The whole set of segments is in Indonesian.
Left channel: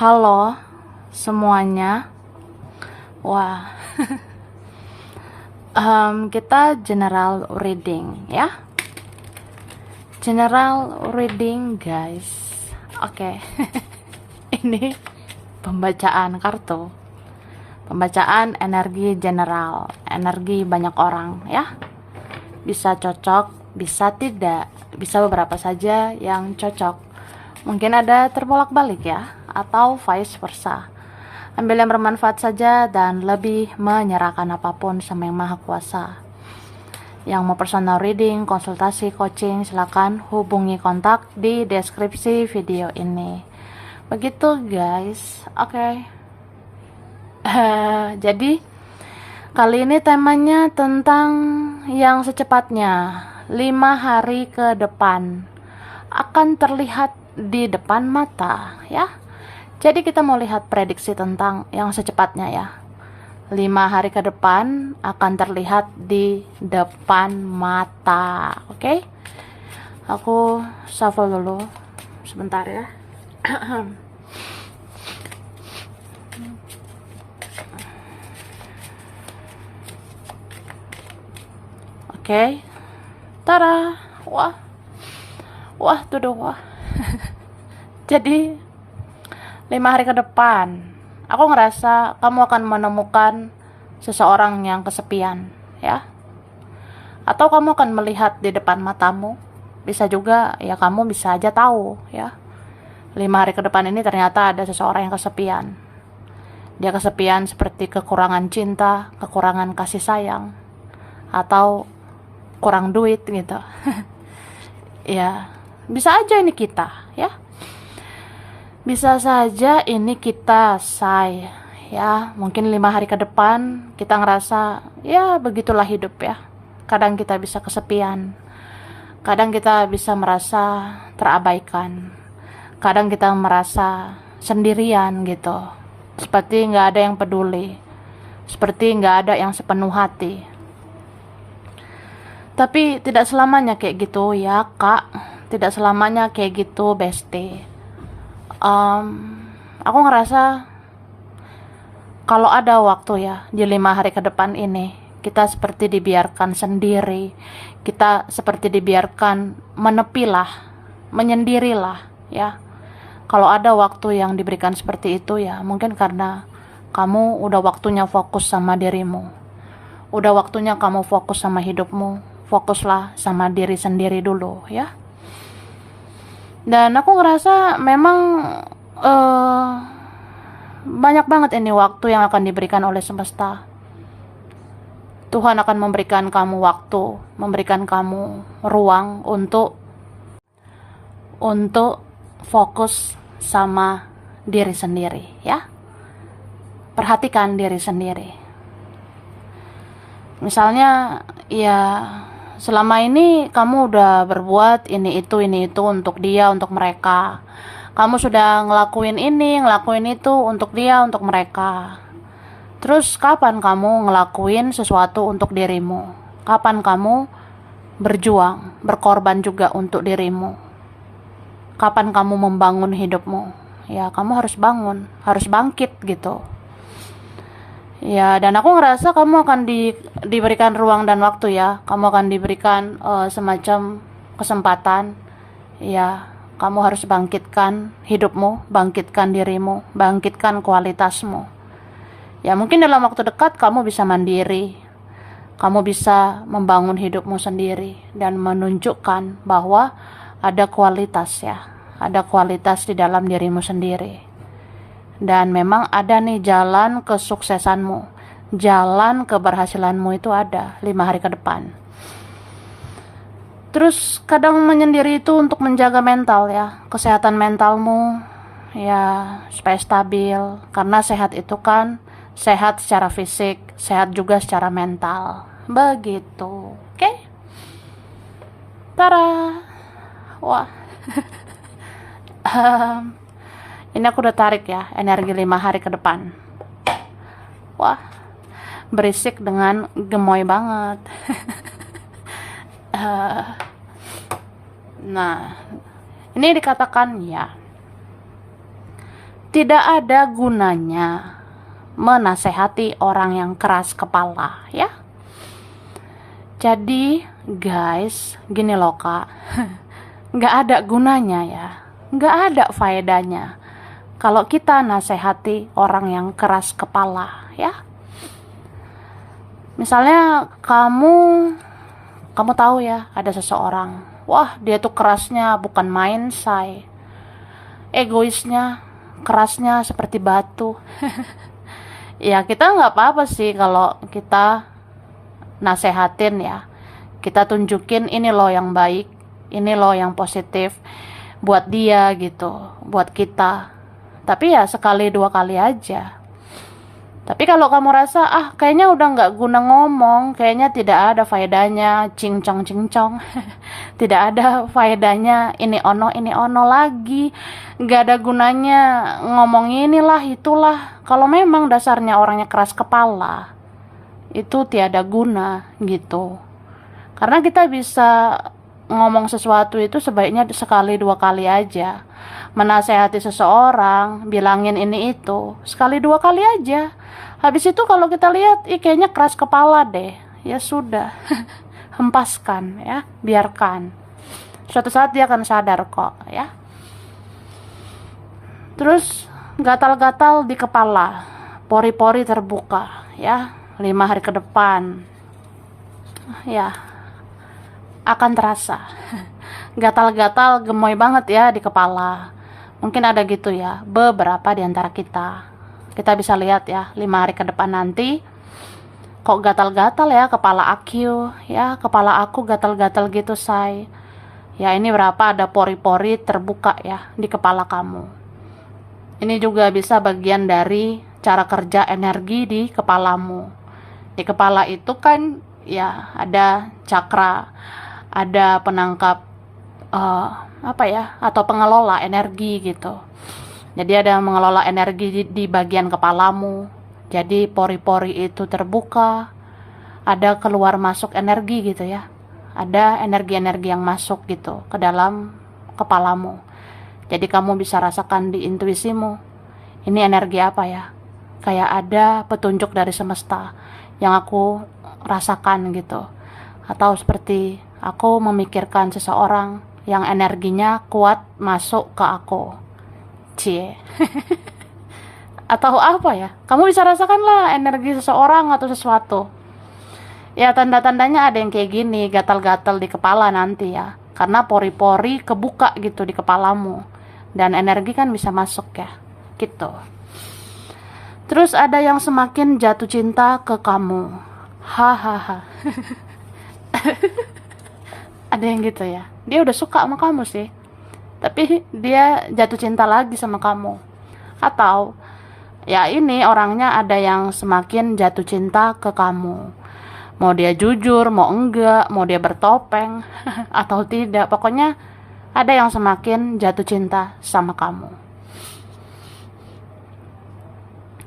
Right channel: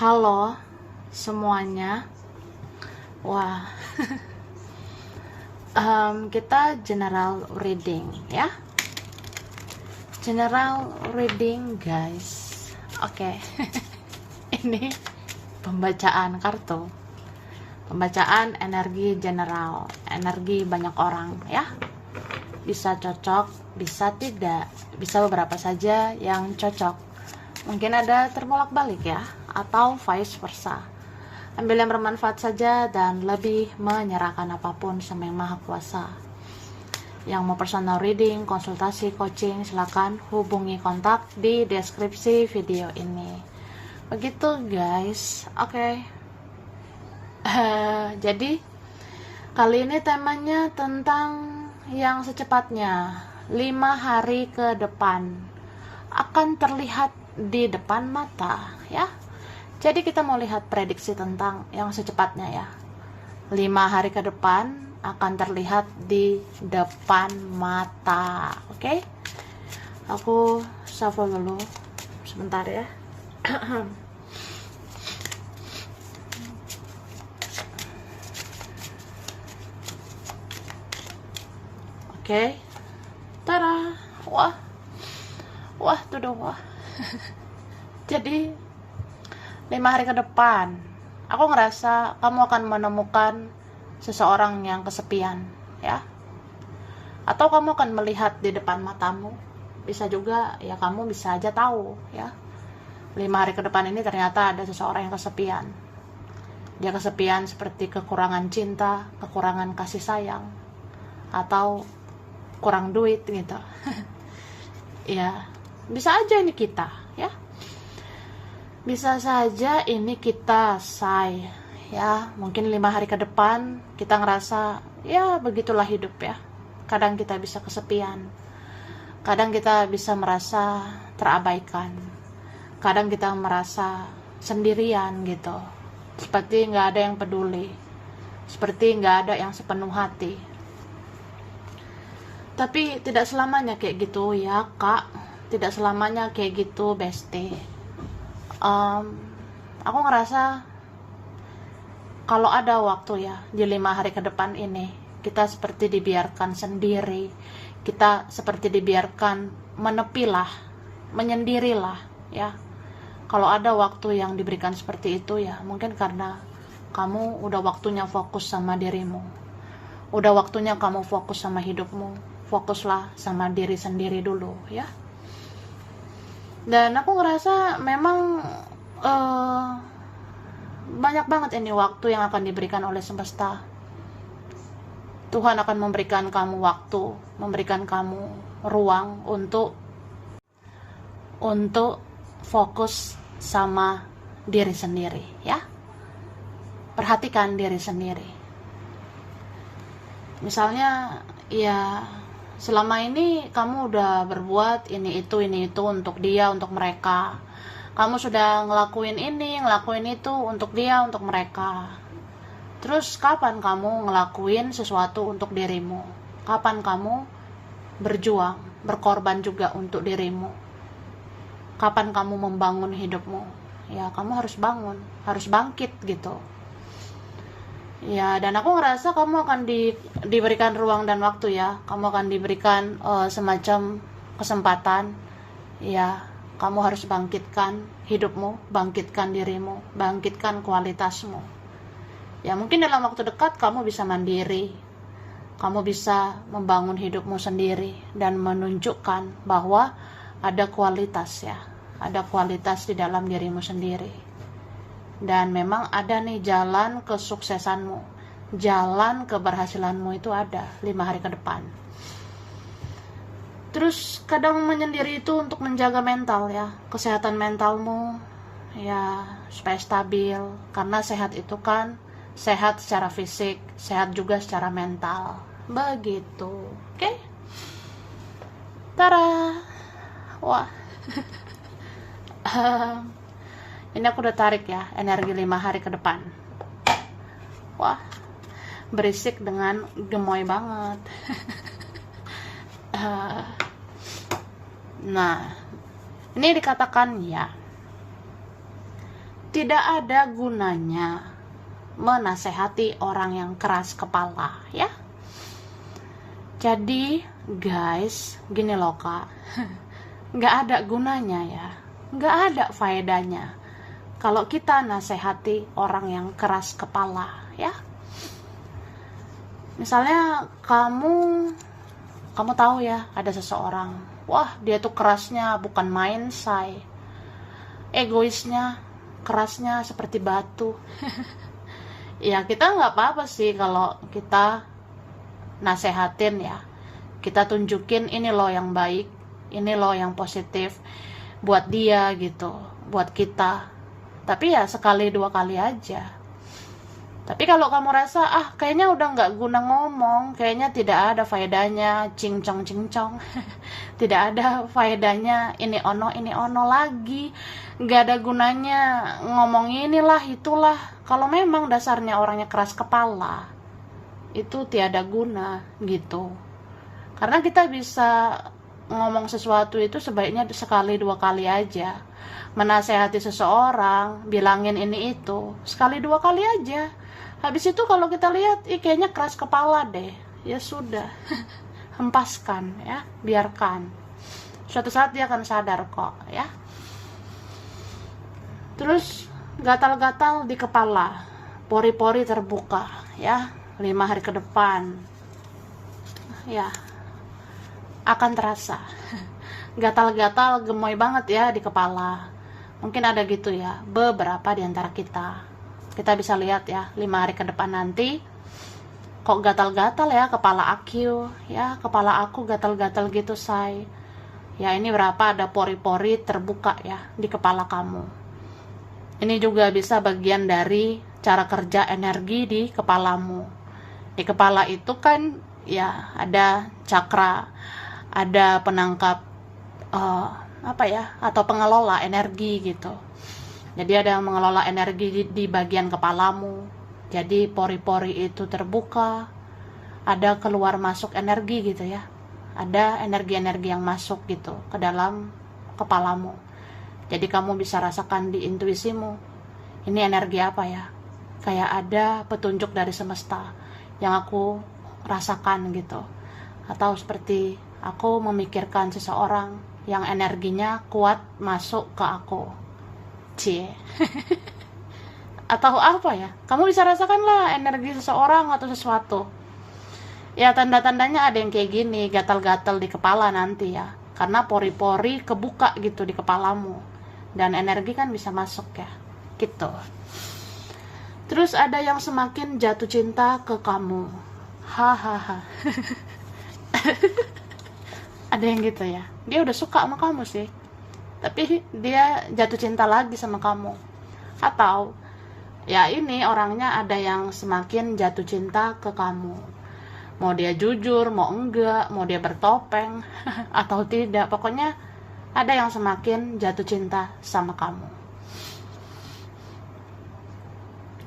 Halo semuanya. Wah, kita general reading ya. General reading guys. Oke. Ini pembacaan kartu. Pembacaan energi general, energi banyak orang ya. Bisa cocok, bisa tidak, bisa beberapa saja yang cocok. Mungkin ada terbolak-balik ya, atau vice versa. Ambil yang bermanfaat saja dan lebih menyerahkan apapun sama Yang Maha Kuasa. Yang mau personal reading, konsultasi, coaching, silakan hubungi kontak di deskripsi video ini. Begitu guys. Oke. Jadi kali ini temanya tentang yang secepatnya 5 hari ke depan akan terlihat di depan mata ya. Jadi kita mau lihat prediksi tentang yang secepatnya ya. 5 hari ke depan akan terlihat di depan mata. Oke? Aku shuffle dulu sebentar ya. Oke. Tada. Wah. Wah, tuh dong, wah. Jadi 5 hari ke depan aku ngerasa kamu akan menemukan seseorang yang kesepian ya. Atau kamu akan melihat di depan matamu. Bisa juga ya, kamu bisa aja tahu ya. 5 hari ke depan ini ternyata ada seseorang yang kesepian. Dia kesepian seperti kekurangan cinta, kekurangan kasih sayang, atau kurang duit gitu. Ya, bisa aja ini kita ya. Bisa saja ini kita say ya. Mungkin 5 hari ke depan kita ngerasa ya begitulah hidup ya. Kadang kita bisa kesepian, kadang kita bisa merasa terabaikan, kadang kita merasa sendirian gitu, seperti nggak ada yang peduli, seperti nggak ada yang sepenuh hati. Tapi tidak selamanya kayak gitu ya kak, tidak selamanya kayak gitu bestie. Aku ngerasa kalau ada waktu ya di 5 hari ke depan ini, kita seperti dibiarkan sendiri, kita seperti dibiarkan menepilah, menyendirilah ya. Kalau ada waktu yang diberikan seperti itu ya, mungkin karena kamu udah waktunya fokus sama dirimu, udah waktunya kamu fokus sama hidupmu. Fokuslah sama diri sendiri dulu ya. Dan aku ngerasa memang banyak banget ini waktu yang akan diberikan oleh semesta. Tuhan akan memberikan kamu waktu, memberikan kamu ruang untuk fokus sama diri sendiri ya. Perhatikan diri sendiri. Misalnya ya, selama ini kamu udah berbuat ini itu untuk dia, untuk mereka. Kamu sudah ngelakuin ini, ngelakuin itu untuk dia, untuk mereka. Terus kapan kamu ngelakuin sesuatu untuk dirimu? Kapan kamu berjuang, berkorban juga untuk dirimu? Kapan kamu membangun hidupmu? Ya, kamu harus bangun, harus bangkit gitu. Ya, dan aku ngerasa kamu akan diberikan ruang dan waktu ya. Kamu akan diberikan semacam kesempatan. Ya, kamu harus bangkitkan hidupmu, bangkitkan dirimu, bangkitkan kualitasmu. Ya, mungkin dalam waktu dekat kamu bisa mandiri. Kamu bisa membangun hidupmu sendiri dan menunjukkan bahwa ada kualitas ya. Ada kualitas di dalam dirimu sendiri. Dan memang ada nih jalan kesuksesanmu, jalan keberhasilanmu itu ada 5 hari ke depan. Terus kadang menyendiri itu untuk menjaga mental ya, kesehatan mentalmu ya, supaya stabil. Karena sehat itu kan sehat secara fisik, sehat juga secara mental. Begitu. Oke? Tara. Wah. Ini aku udah tarik ya, energi 5 hari ke depan. Wah, berisik dengan gemoy banget. Nah, ini dikatakan ya, tidak ada gunanya menasehati orang yang keras kepala, ya. Jadi guys, gini loh kak, nggak ada gunanya ya, nggak ada faedahnya kalau kita nasehati orang yang keras kepala, ya. Misalnya kamu tahu ya, ada seseorang, wah dia tuh kerasnya bukan main, say. Egoisnya, kerasnya seperti batu. Ya kita nggak apa-apa sih kalau kita nasehatin ya. Kita tunjukin ini loh yang baik, ini loh yang positif buat dia gitu, buat kita. Tapi ya sekali dua kali aja. Tapi kalau kamu rasa kayaknya udah nggak guna ngomong, kayaknya tidak ada faedahnya, cincong, tidak ada faedahnya, ini ono lagi, nggak ada gunanya ngomong inilah itulah. Kalau memang dasarnya orangnya keras kepala, itu tiada guna gitu. Karena kita bisa ngomong sesuatu itu sebaiknya sekali dua kali aja. Menasehati seseorang, bilangin ini itu sekali dua kali aja. Habis itu kalau kita lihat kayaknya keras kepala deh, ya sudah. Hempaskan ya, biarkan. Suatu saat dia akan sadar kok ya. Terus gatal-gatal di kepala, pori-pori terbuka ya, 5 hari ke depan ya akan terasa. Gatal-gatal gemoy banget ya di kepala. Mungkin ada gitu ya beberapa di antara kita. Kita bisa lihat ya 5 hari ke depan nanti kok gatal-gatal ya kepala aku ya, kepala aku gatal-gatal gitu, say. Ya ini berapa ada pori-pori terbuka ya di kepala kamu. Ini juga bisa bagian dari cara kerja energi di kepalamu. Di kepala itu kan ya ada cakra, ada penangkap atau pengelola energi gitu. Jadi ada yang mengelola energi di bagian kepalamu. Jadi pori-pori itu terbuka, ada keluar masuk energi gitu ya. Ada energi-energi yang masuk gitu ke dalam kepalamu. Jadi kamu bisa rasakan di intuisimu, ini energi apa ya? Kayak ada petunjuk dari semesta yang aku rasakan gitu. Atau seperti aku memikirkan seseorang yang energinya kuat masuk ke aku. Cie. Atau apa ya? Kamu bisa rasakan lah energi seseorang atau sesuatu. Ya tanda-tandanya ada yang kayak gini, gatal-gatal di kepala nanti ya. Karena pori-pori kebuka gitu di kepalamu. Dan energi kan bisa masuk ya. Gitu. Terus ada yang semakin jatuh cinta ke kamu. Hahaha. Ada yang gitu ya. Dia udah suka sama kamu sih, tapi dia jatuh cinta lagi sama kamu. Atau ya ini orangnya ada yang semakin jatuh cinta ke kamu. Mau dia jujur, mau enggak, mau dia bertopeng atau tidak, pokoknya ada yang semakin jatuh cinta sama kamu.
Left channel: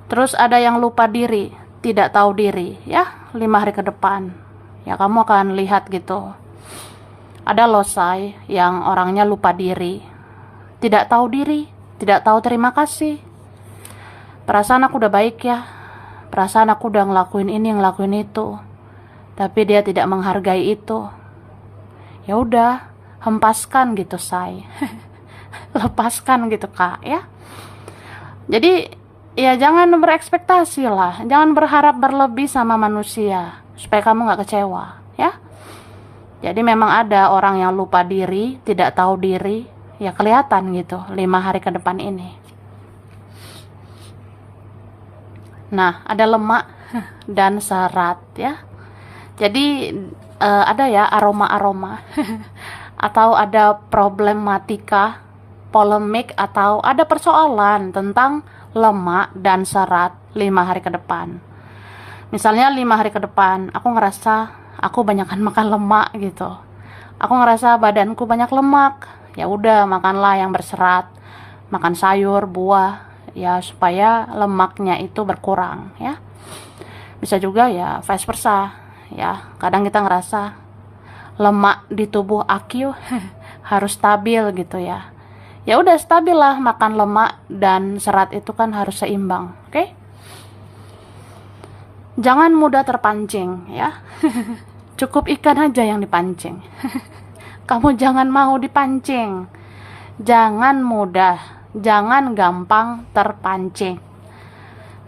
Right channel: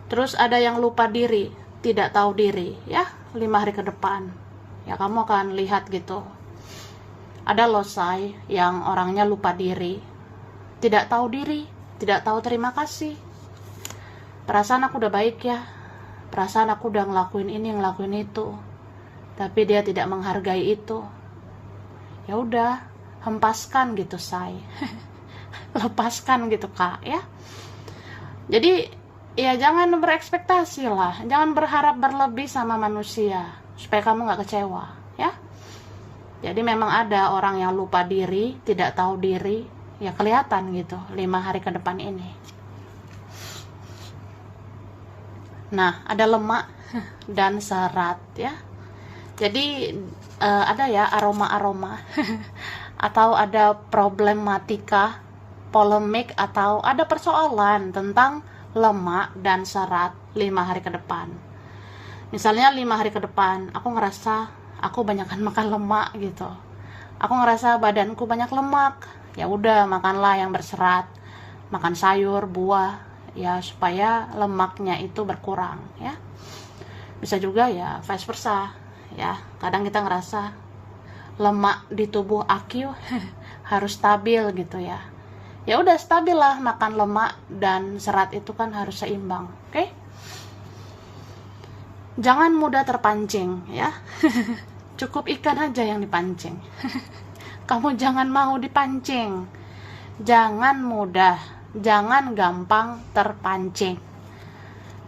Terus ada yang lupa diri, tidak tahu diri ya, 5 hari ke depan. Ya kamu akan lihat gitu. Ada losai yang orangnya lupa diri, tidak tahu diri, tidak tahu terima kasih. Perasaan aku udah baik ya, perasaan aku udah ngelakuin ini, ngelakuin itu, tapi dia tidak menghargai itu. Ya udah, hempaskan gitu, say. Lepaskan gitu, kak ya. Jadi ya jangan berekspektasi lah, jangan berharap berlebih sama manusia supaya kamu gak kecewa ya. Jadi memang ada orang yang lupa diri, tidak tahu diri, ya kelihatan gitu 5 hari ke depan ini. Nah, ada lemak dan serat ya. Jadi ada ya aroma-aroma atau ada problematika, polemik atau ada persoalan tentang lemak dan serat 5 hari ke depan. Misalnya 5 hari ke depan aku ngerasa aku banyakkan makan lemak gitu. Aku ngerasa badanku banyak lemak. Ya udah, makanlah yang berserat. Makan sayur, buah ya supaya lemaknya itu berkurang ya. Bisa juga ya vice versa. Ya, kadang kita ngerasa lemak di tubuh aku harus stabil gitu ya. Ya udah, stabil lah, makan lemak dan serat itu kan harus seimbang. Oke? Jangan mudah terpancing ya. Cukup ikan aja yang dipancing. Kamu jangan mau dipancing. Jangan mudah, jangan gampang terpancing.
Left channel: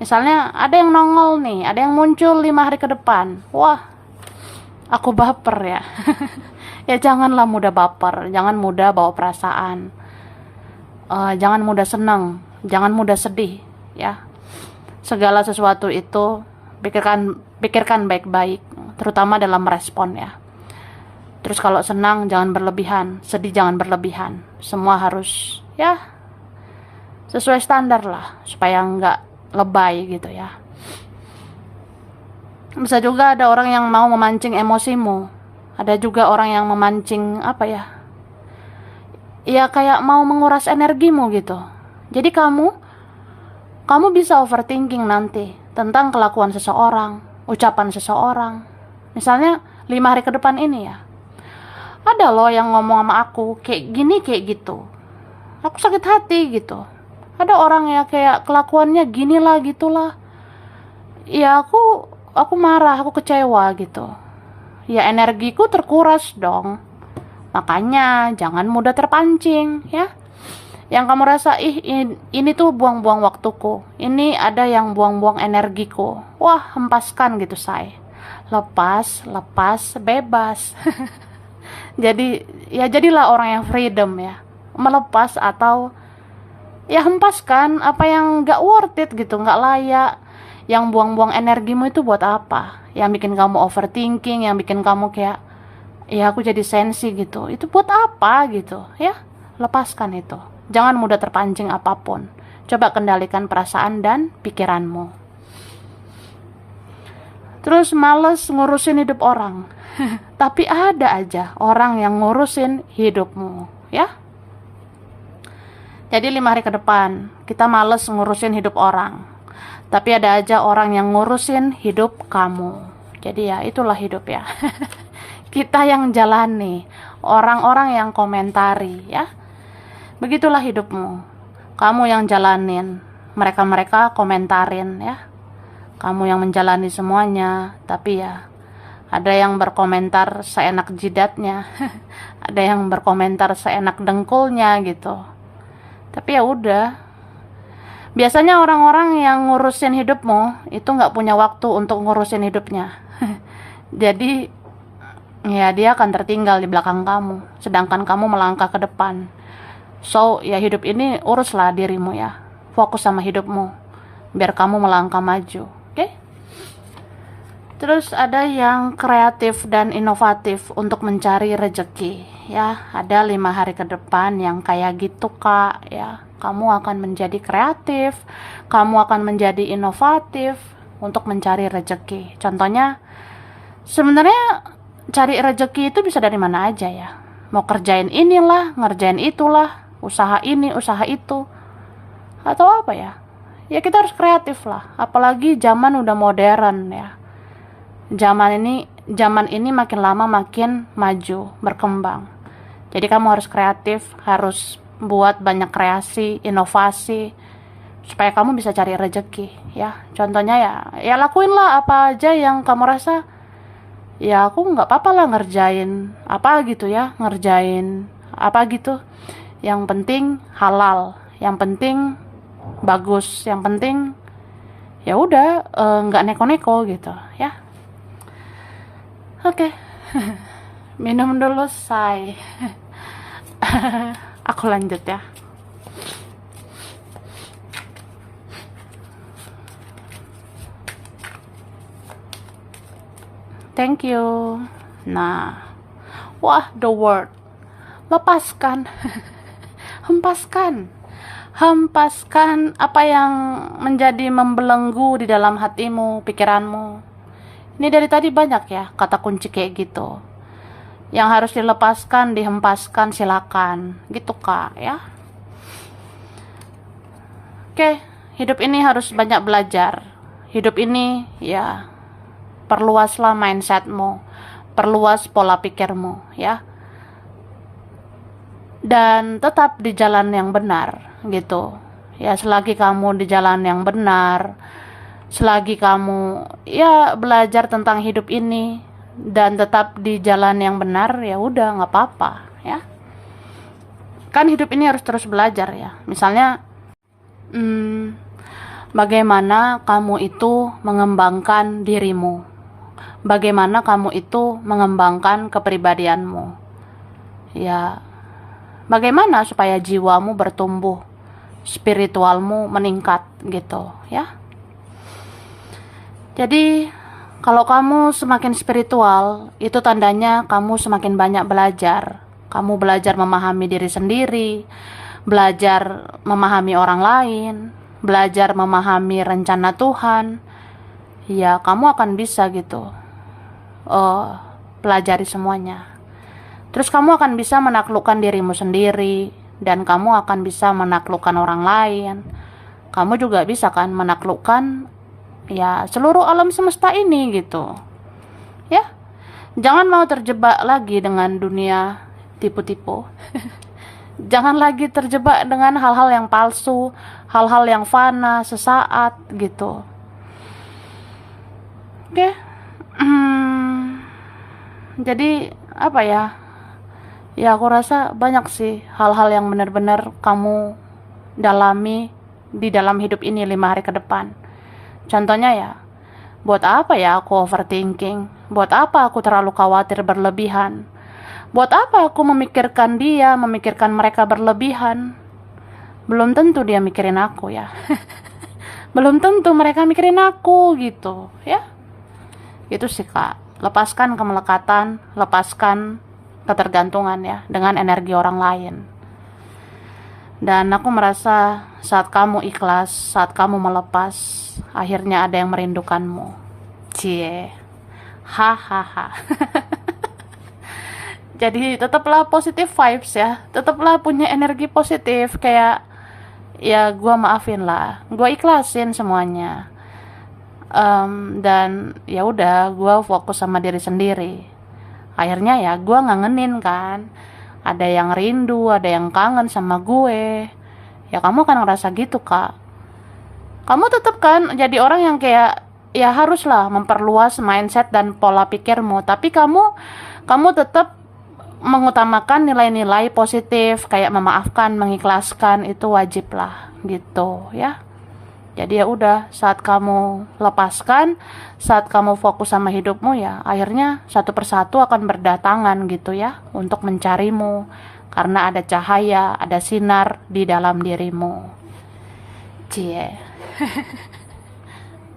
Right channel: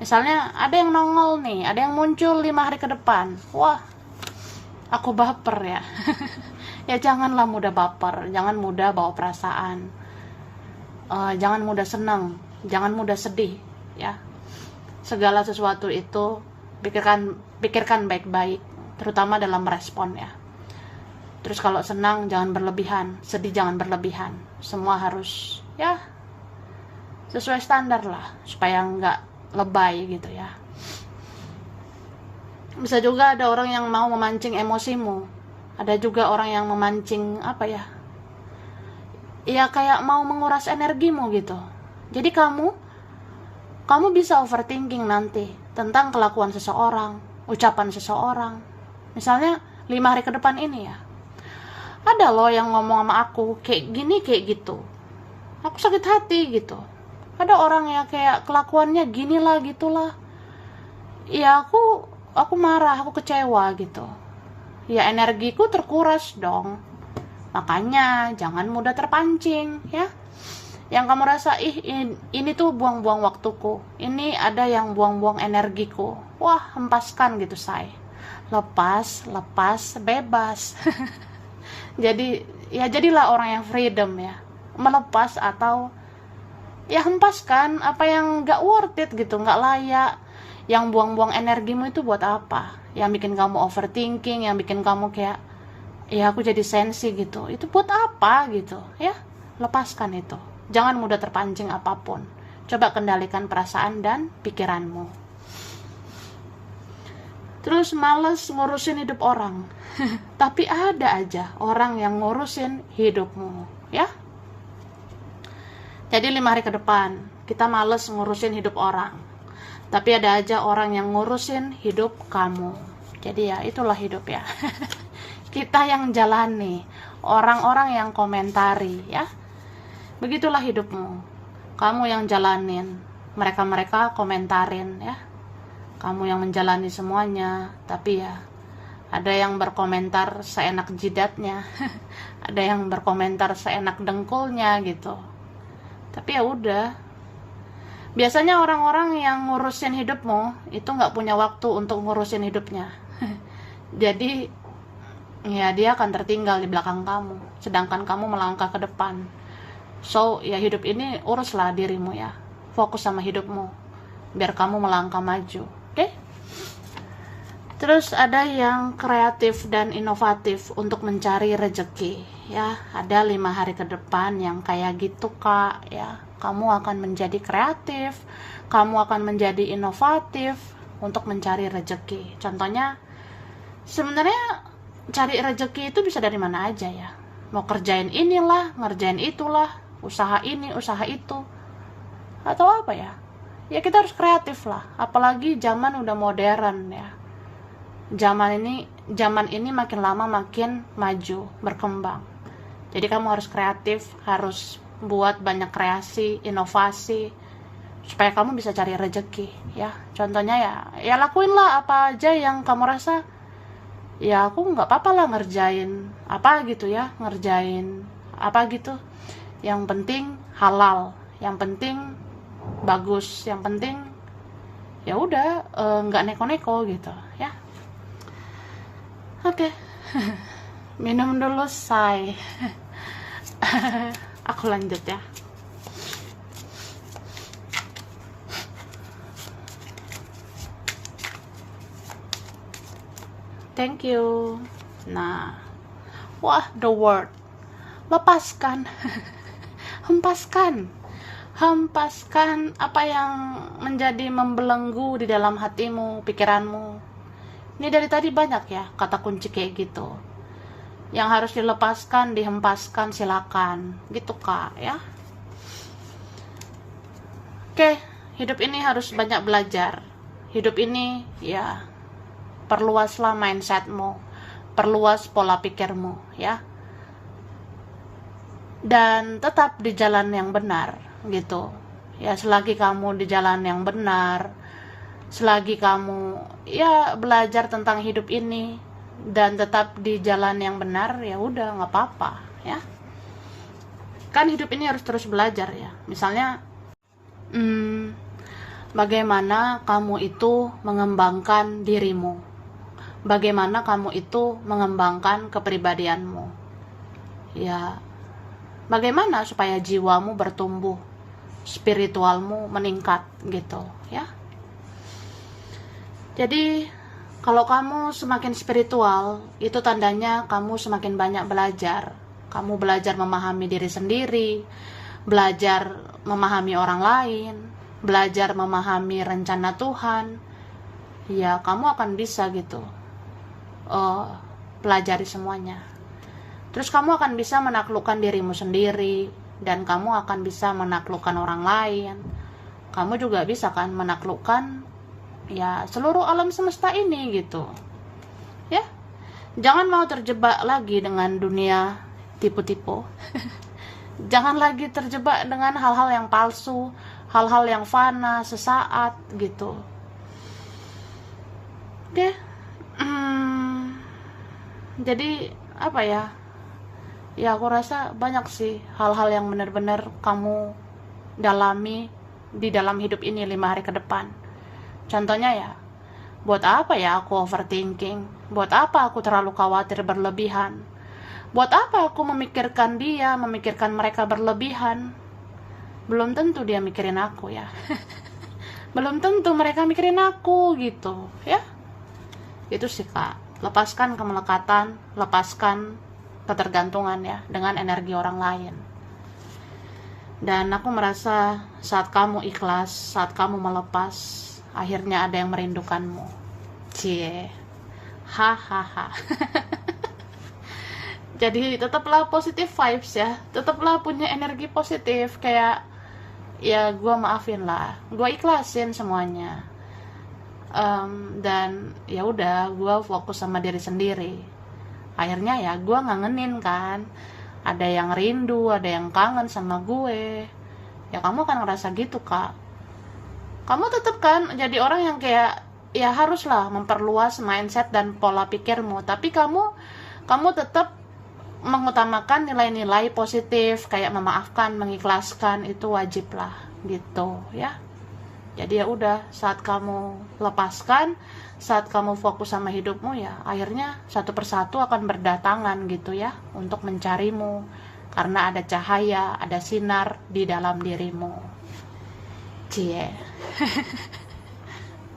Misalnya ada yang nongol nih, ada yang muncul 5 hari ke depan. Wah, aku baper ya. Ya janganlah mudah baper, jangan mudah bawa perasaan. Jangan mudah senang, jangan mudah sedih ya. Segala sesuatu itu pikirkan baik-baik, terutama dalam merespon ya. Terus kalau senang jangan berlebihan, sedih jangan berlebihan. Semua harus ya sesuai standar lah, supaya nggak lebay gitu ya. Bisa juga ada orang yang mau memancing emosimu. Ada juga orang yang memancing apa ya? Ya kayak mau menguras energimu gitu. Jadi kamu bisa overthinking nanti tentang kelakuan seseorang, ucapan seseorang. Misalnya 5 hari ke depan ini ya, ada loh yang ngomong sama aku kayak gini kayak gitu, aku sakit hati gitu. Ada orang ya kayak kelakuannya gini lah gitulah, ya aku marah, aku kecewa gitu. Ya energiku terkuras dong. Makanya jangan mudah terpancing ya. Yang kamu rasa, ini tuh buang-buang waktuku, ini ada yang buang-buang energiku. Wah, hempaskan gitu say. Lepas, bebas. Jadi ya jadilah orang yang freedom ya. Melepas atau ya hempaskan apa yang gak worth it gitu, gak layak. Yang buang-buang energimu itu buat apa? Yang bikin kamu overthinking, yang bikin kamu kayak ya aku jadi sensi gitu, itu buat apa gitu ya. Lepaskan itu, jangan mudah terpancing apapun. Coba kendalikan perasaan dan pikiranmu. Terus males ngurusin hidup orang. Tapi ada aja orang yang ngurusin hidupmu ya. Jadi 5 hari ke depan kita males ngurusin hidup orang, tapi ada aja orang yang ngurusin hidup kamu. Jadi ya itulah hidup ya. Kita yang jalani, orang-orang yang komentari ya. Begitulah hidupmu. Kamu yang jalanin, mereka-mereka komentarin ya. Kamu yang menjalani semuanya, tapi ya ada yang berkomentar seenak jidatnya. Ada yang berkomentar seenak dengkulnya gitu. Tapi ya udah. Biasanya orang-orang yang ngurusin hidupmu itu nggak punya waktu untuk ngurusin hidupnya. Jadi ya dia akan tertinggal di belakang kamu, sedangkan kamu melangkah ke depan. So ya hidup ini uruslah dirimu ya, fokus sama hidupmu biar kamu melangkah maju. Oke? Terus ada yang kreatif dan inovatif untuk mencari rezeki ya. Ada 5 hari ke depan yang kayak gitu kak ya. Kamu akan menjadi kreatif, kamu akan menjadi inovatif untuk mencari rezeki. Contohnya sebenarnya cari rezeki itu bisa dari mana aja ya. Mau kerjain inilah, ngerjain itulah, usaha ini, usaha itu, atau apa ya. Ya kita harus kreatif lah. Apalagi zaman udah modern ya. Zaman ini makin lama makin maju, berkembang. Jadi kamu harus kreatif, harus buat banyak kreasi, inovasi, supaya kamu bisa cari rezeki ya. Contohnya ya lakuinlah apa aja yang kamu rasa ya aku nggak apa-apa lah ngerjain apa gitu ya, ngerjain apa gitu, yang penting halal, yang penting bagus, yang penting ya udah nggak neko-neko gitu ya. Oke. Minum dulu say. Aku lanjut ya. Thank you. Nah, wah, the word. Lepaskan. Hempaskan. Hempaskan apa yang menjadi membelenggu di dalam hatimu, pikiranmu. Ini dari tadi banyak ya kata kunci kayak gitu. Yang harus dilepaskan, dihempaskan, silakan. Gitu kak ya. Oke, hidup ini harus banyak belajar. Hidup ini ya perluaslah mindsetmu, perluas pola pikirmu ya. dan tetap di jalan yang benar gitu ya. Selagi kamu di jalan yang benar, selagi kamu ya belajar tentang hidup ini dan tetap di jalan yang benar, ya udah nggak apa-apa ya. Kan hidup ini harus terus belajar ya. Misalnya bagaimana kamu itu mengembangkan dirimu, bagaimana kamu itu mengembangkan kepribadianmu ya, bagaimana supaya jiwamu bertumbuh, spiritualmu meningkat gitu ya. Jadi kalau kamu semakin spiritual, itu tandanya kamu semakin banyak belajar. Kamu belajar memahami diri sendiri, belajar memahami orang lain, belajar memahami rencana Tuhan. Ya, kamu akan bisa gitu pelajari semuanya. Terus kamu akan bisa menaklukkan dirimu sendiri, dan kamu akan bisa menaklukkan orang lain. Kamu juga bisa kan menaklukkan ya seluruh alam semesta ini gitu ya. Jangan mau terjebak lagi dengan dunia tipu-tipu. Jangan lagi terjebak dengan hal-hal yang palsu, hal-hal yang fana sesaat gitu. Oke. Jadi apa ya, ya aku rasa banyak sih hal-hal yang benar-benar kamu dalami di dalam hidup ini 5 hari ke depan. Contohnya ya, buat apa ya aku overthinking? Buat apa aku terlalu khawatir berlebihan? Buat apa aku memikirkan dia, memikirkan mereka berlebihan? Belum tentu dia mikirin aku ya. Belum tentu mereka mikirin aku gitu ya. Itu sih Kak, lepaskan kemelekatan, lepaskan ketergantungan ya dengan energi orang lain. Dan aku merasa saat kamu ikhlas, saat kamu melepas, akhirnya ada yang merindukanmu. Cie. Hahaha. Jadi tetaplah positive vibes ya. Tetaplah punya energi positif, kayak ya gue maafin lah, gue ikhlasin semuanya. Dan ya udah, gue fokus sama diri sendiri. Akhirnya ya gue ngangenin kan, ada yang rindu, ada yang kangen sama gue. Ya kamu kan ngerasa gitu Kak. Kamu tetap kan jadi orang yang kayak ya haruslah memperluas mindset dan pola pikirmu, tapi kamu tetap mengutamakan nilai-nilai positif kayak memaafkan, mengikhlaskan, itu wajib lah gitu ya. Jadi ya udah, saat kamu lepaskan, saat kamu fokus sama hidupmu, ya akhirnya satu persatu akan berdatangan gitu ya untuk mencarimu, karena ada cahaya, ada sinar di dalam dirimu. Cie.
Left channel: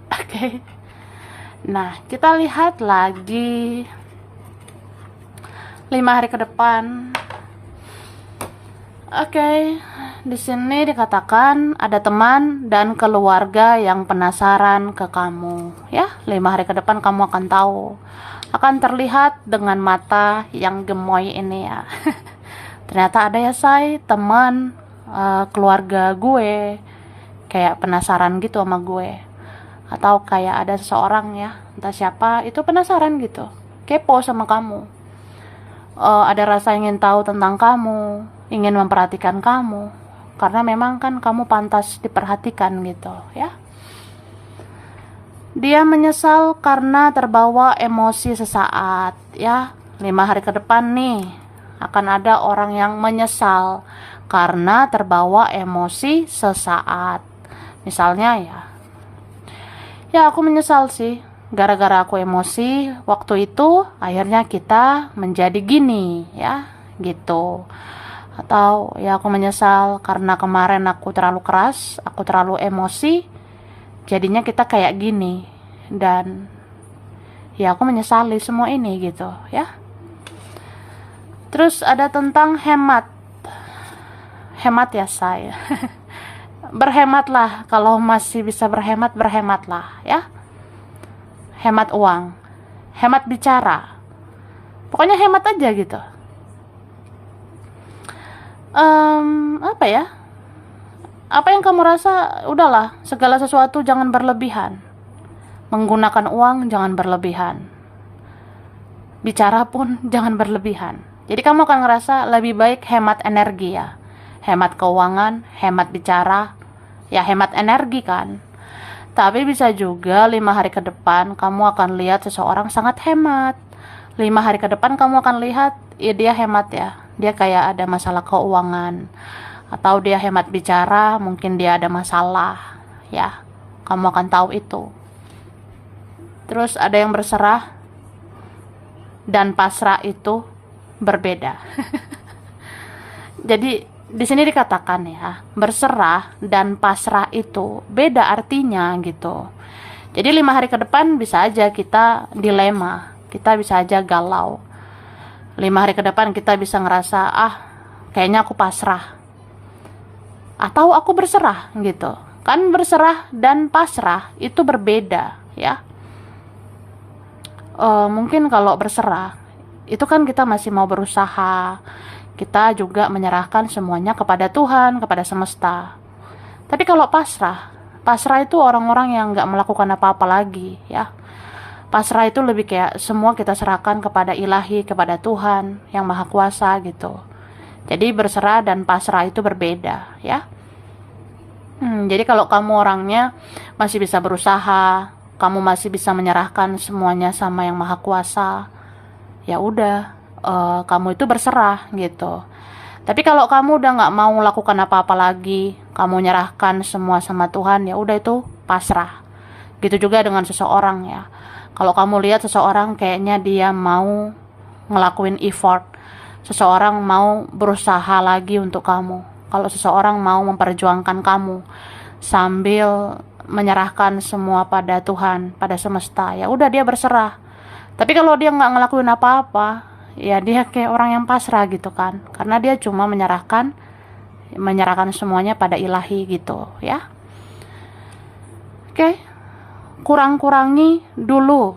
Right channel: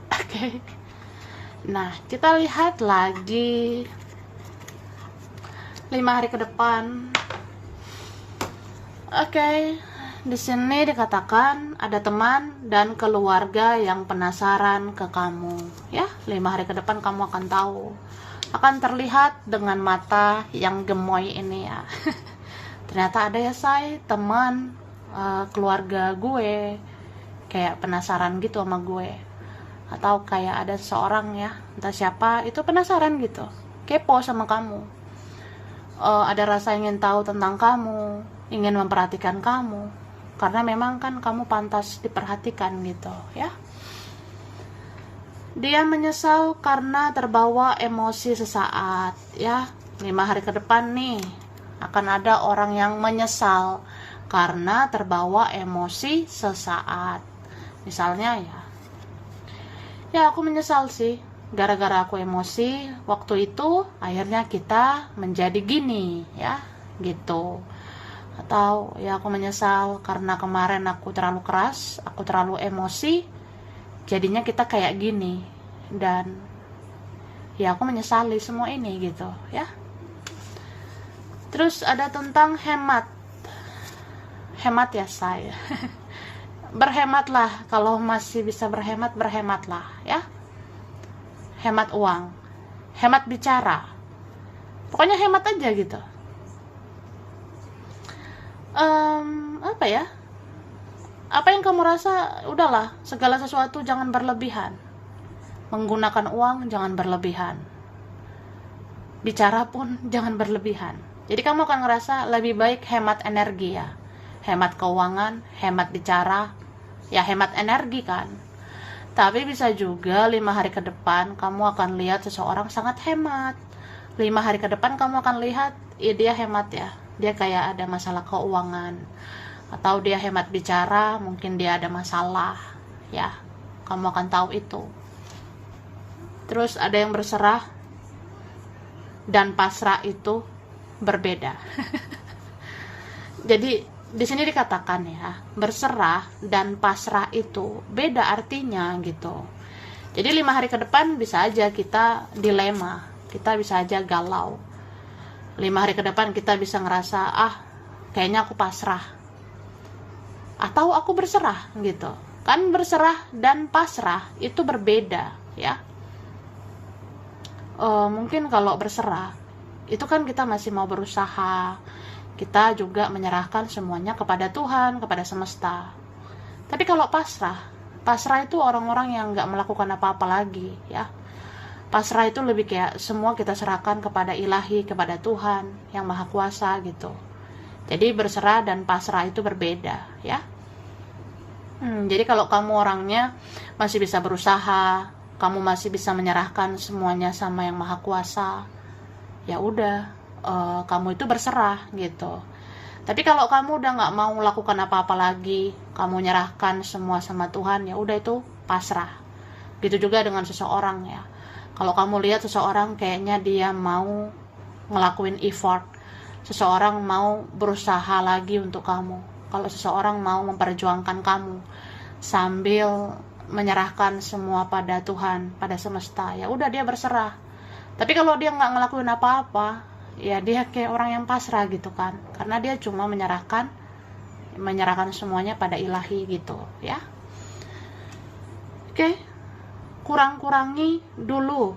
Oke. Nah, kita lihat lagi 5 hari ke depan. Oke. Di sini dikatakan ada teman dan keluarga yang penasaran ke kamu ya. 5 hari ke depan kamu akan tahu, akan terlihat dengan mata yang gemoy ini ya. Ternyata ada ya say, teman keluarga gue kayak penasaran gitu sama gue, atau kayak ada seseorang ya, entah siapa itu, penasaran gitu, kepo sama kamu. Ada rasa ingin tahu tentang kamu, ingin memperhatikan kamu, karena memang kan kamu pantas diperhatikan gitu ya. Dia menyesal karena terbawa emosi sesaat ya. 5 hari ke depan nih akan ada orang yang menyesal karena terbawa emosi sesaat. Misalnya ya aku menyesal sih, gara-gara aku emosi waktu itu akhirnya kita menjadi gini ya gitu. Atau ya aku menyesal karena kemarin aku terlalu keras, aku terlalu emosi, jadinya kita kayak gini. Dan ya aku menyesali semua ini gitu ya. Terus ada tentang hemat. Hemat ya saya. Berhematlah, kalau masih bisa berhemat, berhematlah ya. Hemat uang, hemat bicara, pokoknya hemat aja gitu. Apa ya, apa yang kamu rasa, udahlah, segala sesuatu jangan berlebihan. Menggunakan uang jangan berlebihan, bicara pun jangan berlebihan. Jadi kamu akan ngerasa lebih baik hemat energi ya, hemat keuangan, hemat bicara, ya hemat energi kan. Tapi bisa juga 5 hari ke depan kamu akan lihat seseorang sangat hemat. 5 hari ke depan kamu akan lihat, ya dia hemat ya, dia kayak ada masalah keuangan, atau dia hemat bicara, mungkin dia ada masalah ya, kamu akan tahu itu. Terus ada yang berserah dan pasrah itu berbeda. Jadi di sini dikatakan ya, berserah dan pasrah itu beda artinya gitu. Jadi 5 hari ke depan bisa aja kita dilema, kita bisa aja galau. 5 hari ke depan kita bisa ngerasa, kayaknya aku pasrah, atau aku berserah gitu. Kan berserah dan pasrah itu berbeda ya. Mungkin kalau berserah itu kan kita masih mau berusaha, kita juga menyerahkan semuanya kepada Tuhan, kepada semesta. Tapi kalau pasrah itu orang-orang yang gak melakukan apa-apa lagi ya. Pasrah itu lebih kayak semua kita serahkan kepada ilahi, kepada Tuhan yang maha kuasa gitu. Jadi berserah dan pasrah itu berbeda ya. Jadi kalau kamu orangnya masih bisa berusaha, kamu masih bisa menyerahkan semuanya sama yang maha kuasa, ya udah, kamu itu berserah gitu. Tapi kalau kamu udah nggak mau lakukan apa-apa lagi, kamu nyerahkan semua sama Tuhan, ya udah itu pasrah. Gitu juga dengan seseorang ya. Kalau kamu lihat seseorang kayaknya dia mau ngelakuin effort, seseorang mau berusaha lagi untuk kamu, kalau seseorang mau memperjuangkan kamu sambil menyerahkan semua pada Tuhan, pada semesta, ya udah dia berserah. Tapi kalau dia nggak ngelakuin apa-apa, ya dia kayak orang yang pasrah gitu kan, karena dia cuma menyerahkan semuanya pada ilahi gitu ya. Oke. Kurang-kurangi dulu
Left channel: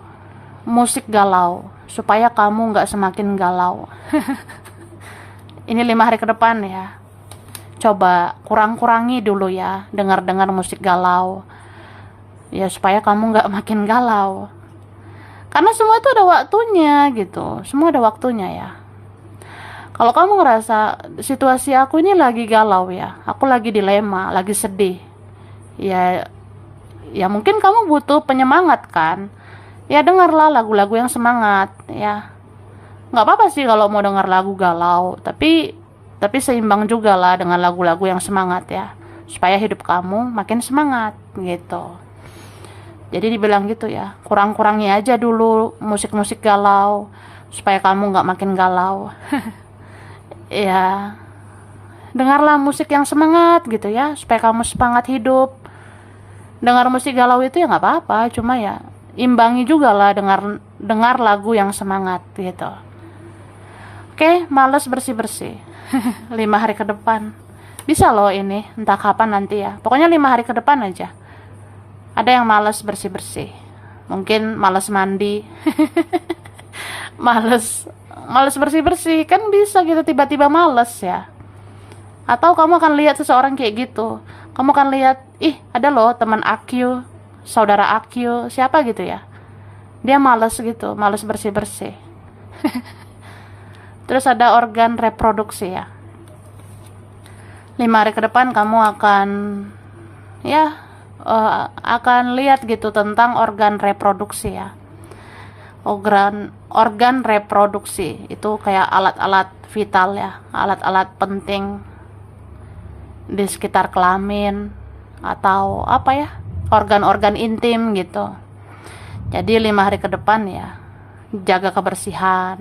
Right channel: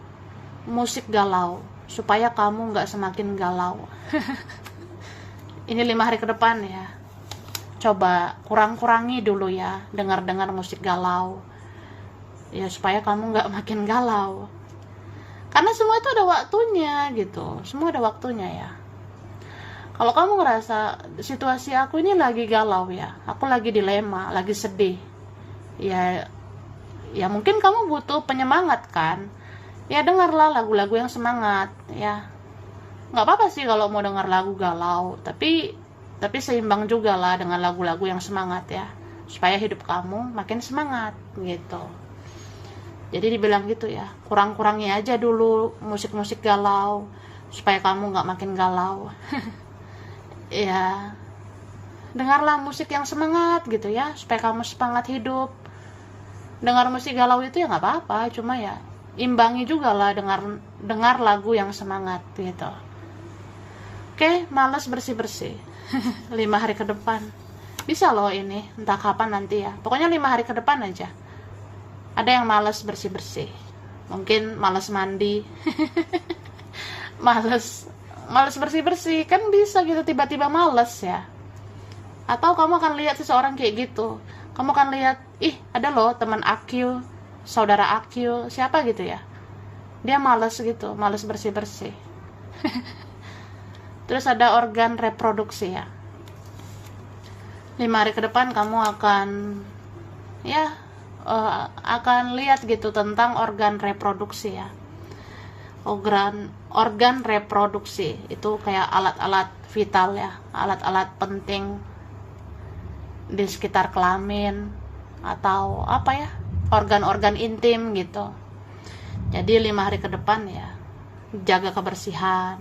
musik galau supaya kamu nggak semakin galau. Ini 5 hari ke depan ya, coba kurang-kurangi dulu ya dengar-dengar musik galau ya, supaya kamu nggak makin galau. Karena semua itu ada waktunya gitu, semua ada waktunya ya. Kalau kamu ngerasa situasi aku ini lagi galau ya, aku lagi dilema, lagi sedih, ya mungkin kamu butuh penyemangat kan. Ya dengarlah lagu-lagu yang semangat ya. Nggak apa-apa sih kalau mau dengar lagu galau, tapi seimbang juga lah dengan lagu-lagu yang semangat ya, supaya hidup kamu makin semangat gitu. Jadi dibilang gitu ya, kurang-kurangi aja dulu musik-musik galau supaya kamu nggak makin galau. Ya, dengarlah musik yang semangat gitu ya, supaya kamu semangat hidup. Dengar musik galau itu ya nggak apa-apa, cuma ya imbangi juga lah dengar lagu yang semangat gitu. Oke, males bersih-bersih. 5 hari ke depan bisa loh ini, entah kapan nanti ya, pokoknya 5 hari ke depan aja. Ada yang malas bersih-bersih, mungkin malas mandi, malas bersih-bersih, kan bisa gitu tiba-tiba malas ya. Atau kamu akan lihat seseorang kayak gitu, kamu akan lihat, ada loh teman aku, saudara aku, siapa gitu ya, dia malas gitu, malas bersih-bersih. Terus ada organ reproduksi ya. 5 hari ke depan kamu akan akan lihat gitu tentang organ reproduksi ya. Organ reproduksi itu kayak alat-alat vital ya, alat-alat penting di sekitar kelamin atau apa ya, organ-organ intim gitu. Jadi 5 hari ke depan ya, jaga kebersihan.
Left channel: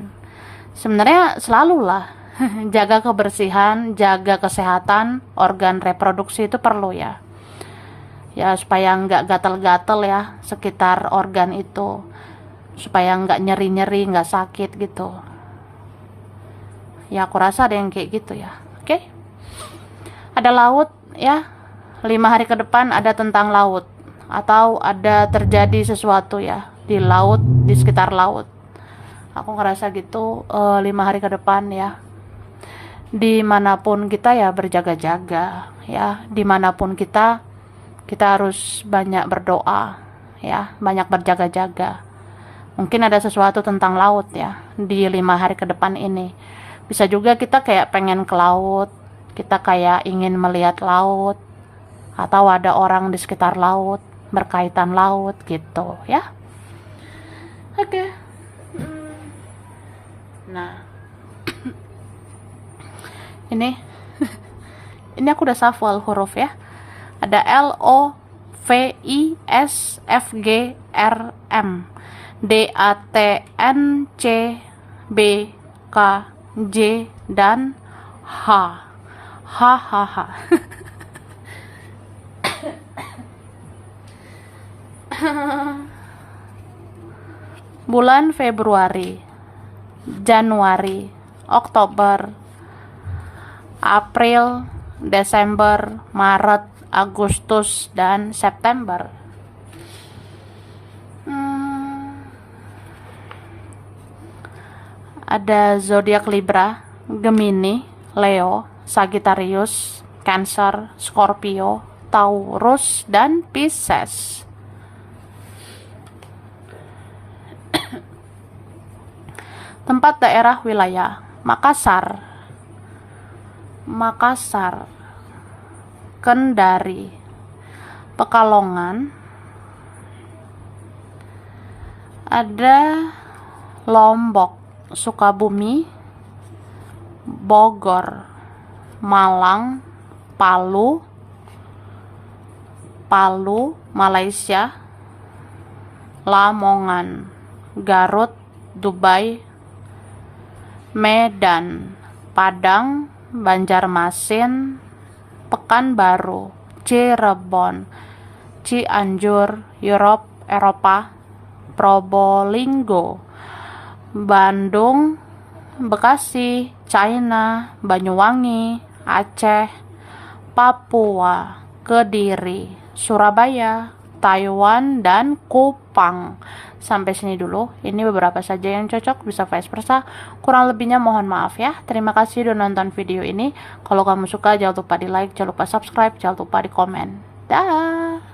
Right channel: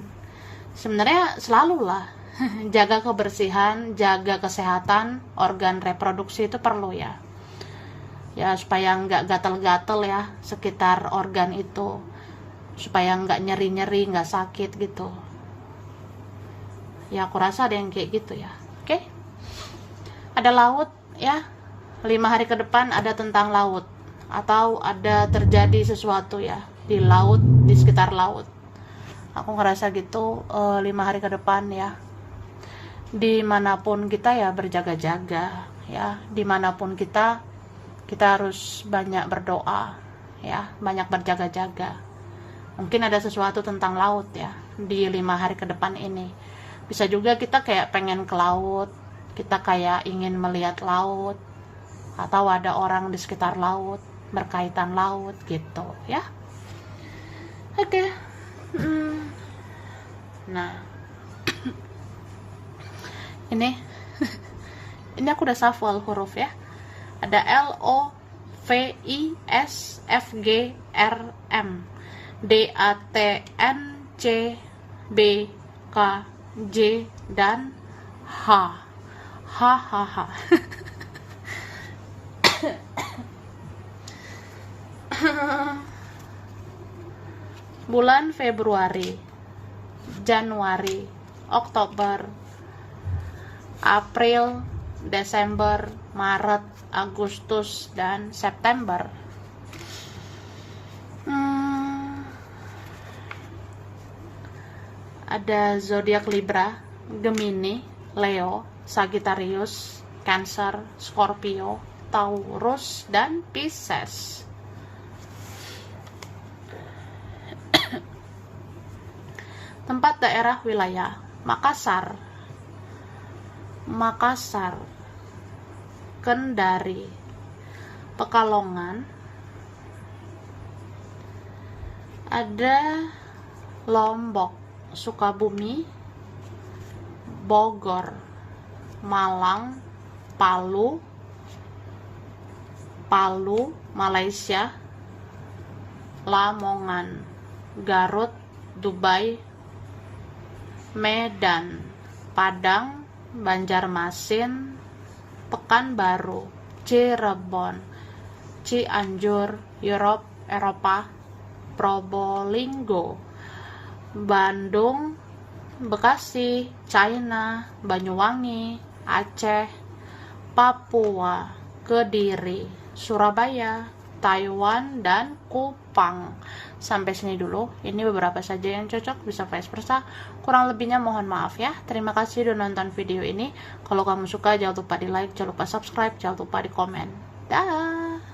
Sebenarnya selalu lah jaga kebersihan, jaga kesehatan organ reproduksi itu perlu ya. Ya supaya nggak gatal-gatal ya sekitar organ itu, supaya nggak nyeri-nyeri, nggak sakit gitu ya. Aku rasa ada yang kayak gitu ya. Oke. Ada laut ya, 5 hari ke depan ada tentang laut, atau ada terjadi sesuatu ya di laut, di sekitar laut. Aku ngerasa gitu 5 hari ke depan ya. Dimanapun kita ya berjaga-jaga ya, dimanapun kita harus banyak berdoa ya, banyak berjaga-jaga. Mungkin ada sesuatu tentang laut ya di 5 hari ke depan ini. Bisa juga kita kayak pengen ke laut, kita kayak ingin melihat laut, atau ada orang di sekitar laut, berkaitan laut gitu ya. Oke. Nah, ini aku udah shuffle huruf ya. Ada L O V I S F G R M D A T N C B K J dan H. Bulan Februari, Januari, Oktober, April, Desember, Maret, Agustus, dan September. Ada zodiak Libra, Gemini, Leo, Sagittarius, Cancer, Scorpio, Taurus, dan Pisces. Tempat daerah wilayah Makassar, Kendari, Pekalongan, ada Lombok, Sukabumi, Bogor, Malang, Palu, Malaysia, Lamongan, Garut, Dubai, Medan, Padang, Banjarmasin, Pekanbaru, Cirebon, Cianjur, Eropa, Probolinggo, Bandung, Bekasi, China, Banyuwangi, Aceh, Papua, Kediri, Surabaya, Taiwan, dan Kupang. Sampai sini dulu. Ini beberapa saja yang cocok, bisa vice versa. Kurang lebihnya mohon maaf ya. Terima kasih udah nonton video ini. Kalau kamu suka jangan lupa di like, jangan lupa subscribe, jangan lupa di komen. Dah.